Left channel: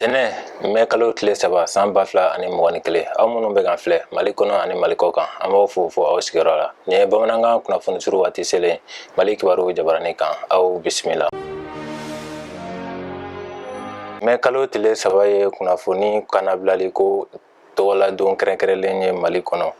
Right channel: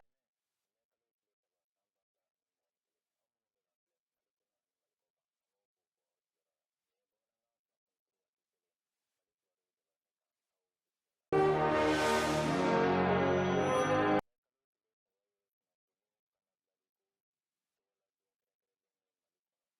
Dene me kalo tile saba san 2021 aw minnu bɛ kan filɛ Mali kɔnɔ ani Mali kɔ kan an b'aw fo aw sigiyɔrɔ la. Ni ye bamanankan kunnafoni suru waati selen Mali kibaru jabarani kan aw bisimila. Me kalo tile saba ye kunnafoni kanabilali ko tɔgɔladon kɛrɛnkɛrɛnlen ye Mali kɔnɔ.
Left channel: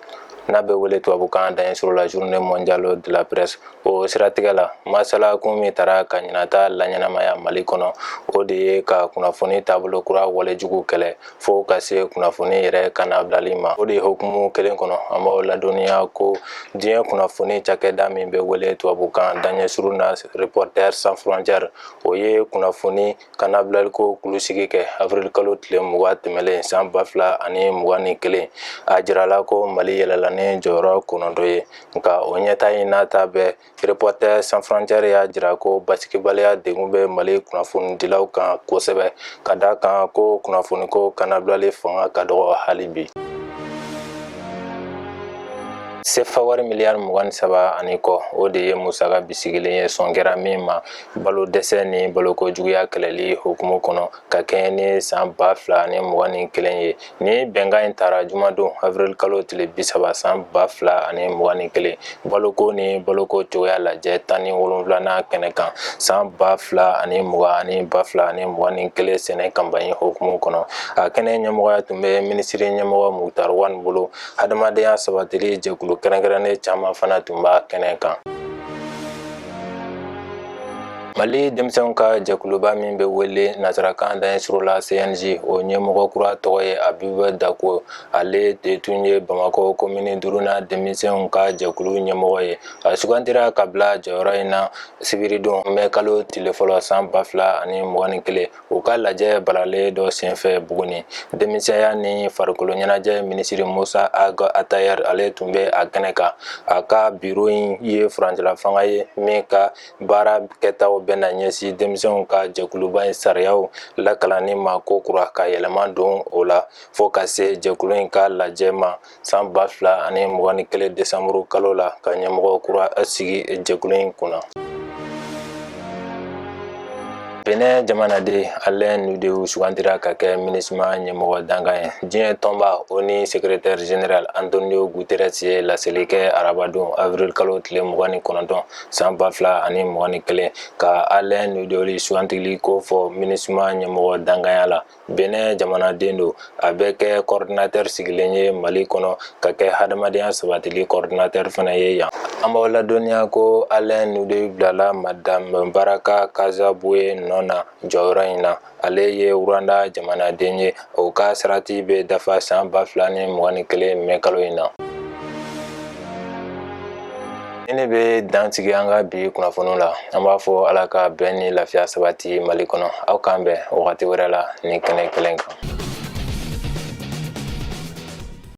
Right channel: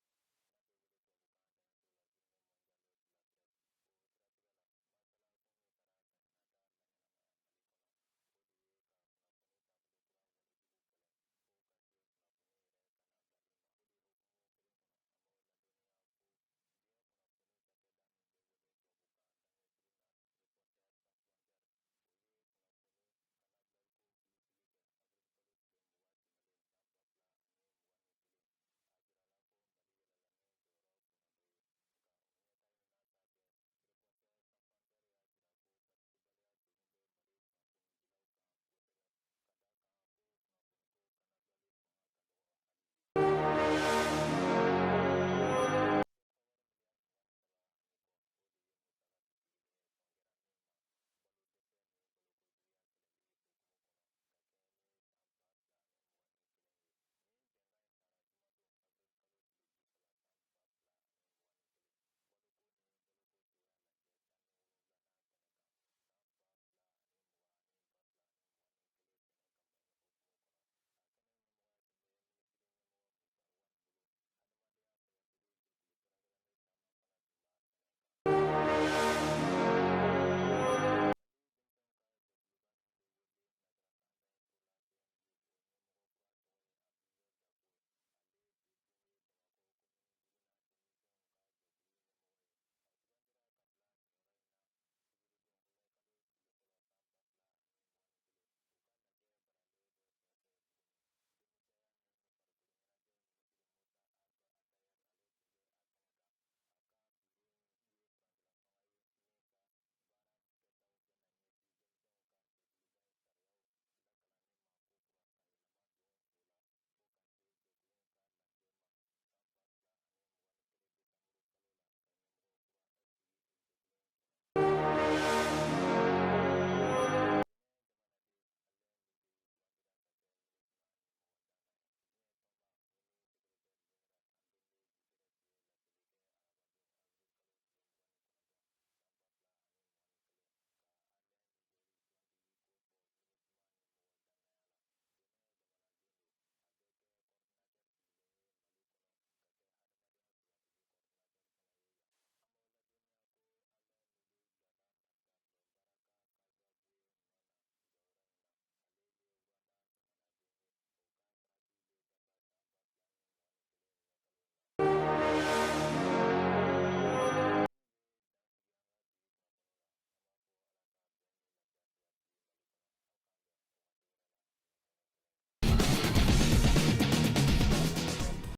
N'a bɛ wele tubabukan dan sur la journée mondiale de la presse o siratigɛ la masala kun min tara ka ɲinata la ɲɛnamaya Mali kɔnɔ o de ye ka kunnafoni taabolo kura walejugu kɛlɛ fo ka se kunnafoni yɛrɛ kanabilali ma. O de hokumu kelen kɔnɔ an b'aw ladɔnniya ko diɲɛ kunnafoni cakɛda min bɛ wele tubabukan dan sur na Reporters sans frontières o ye kunnafoni kanabilali ko kulusigi kɛ avril kalo tile 20 tɛmɛlen san 2021 a jirala ko Mali yɛlɛla ni jɔyɔrɔ kɔnɔntɔn ye nka o ɲɛta in nata bɛɛ Reporters sans frontières y'a jira ko basigibaliya degun bɛ Mali kunnafonidilaw kan kosɛbɛ ka da kan ko kunnafoniko kanabilali fanga ka dɔgɔ hali bi. Sefa wari miliyari 23 ani kɔ o de ye musaka bisigilen ye sɔn kɛra min ma balo dɛsɛ ni balokojuguya kɛlɛli hukumu kɔnɔ ka kɛɲɛ ni san 2021 ye. Ni bɛnkan in taara jumadon avril kalo tile 30 san 2021 baloko ni baloko cogoya lajɛ 17nan kɛnɛ kan san 2020 ani 2021 sɛnɛ kanpanɲi hukumu kɔnɔ. A kɛnɛ ɲɛmɔgɔya tun bɛ minisiri ɲɛmɔgɔ Muktar Wan bolo. Hadamadenya sabatili jɛkulu kɛrɛnkɛrɛnnen caman fana tun b'a kɛnɛ kan. Mali denmisɛnw ka jɛkuluba min bɛ wele nasarakan dan sur la CNJ o ɲɛmɔgɔ kura tɔgɔ ye Abibu Dako. Ale de tun ye Bamakɔ komini 5nan denmisɛnw ka jɛkulu ɲɛmɔgɔ ye. A sugantira ka bila jɔyɔrɔ in na sibiridon mɛ kalo tile fɔlɔ san 2021 u ka lajɛ balalen dɔ senfɛ Buguni. Denmisɛnya ni farikolo ɲɛnajɛ minisiri Musa Aga Atayɛri ale tun bɛ a kɛnɛ kan. A ka biro in ye furancɛla fanga ye min ka baara kɛtaw bɛna ɲɛsin denmisɛnw ka jɛkuluba in sariyaw lakalanni ma ko kura ka yɛlɛma don o la fo ka se jɛkulu in ka lajɛ ma san 2021 desanburu kalo la ka ɲɛmɔgɔ kura sigi jɛkulu in kunna. Benin jamanaden Alain Nudew sugantira ka kɛ MINUSMA ɲɛmɔgɔ dankan ye. Diɲɛ tɔnba o ni secrétaire général Antonio Guterres ye laseli kɛ arabadon avril kalo tile 29 san 2021 ka Alain Nudew sugantili ko fɔ MINUSMA ɲɛmɔgɔ dankanya la. Benin jamanaden do a bɛ kɛ coordinateur sigilen ye Mali kɔnɔ ka kɛ hadamadenya sabatili coordinateur fana ye yan. An b'aw ladɔnniya ko Alain Nudew bilala Madame Baraka Kazabuye nɔ na jɔyɔrɔ in na. Ale ye Rwanda jamanaden ye o ka sarati bɛ dafa san 2021 mɛ kalo in na. Ne bɛ dansigi an ka bi kunnafoniw la. An b'a fɔ Ala ka bɛn ni lafiya sabati Mali kɔnɔ. Aw k'an bɛn wagati wɛrɛ la ni kɛnɛ kelen kan.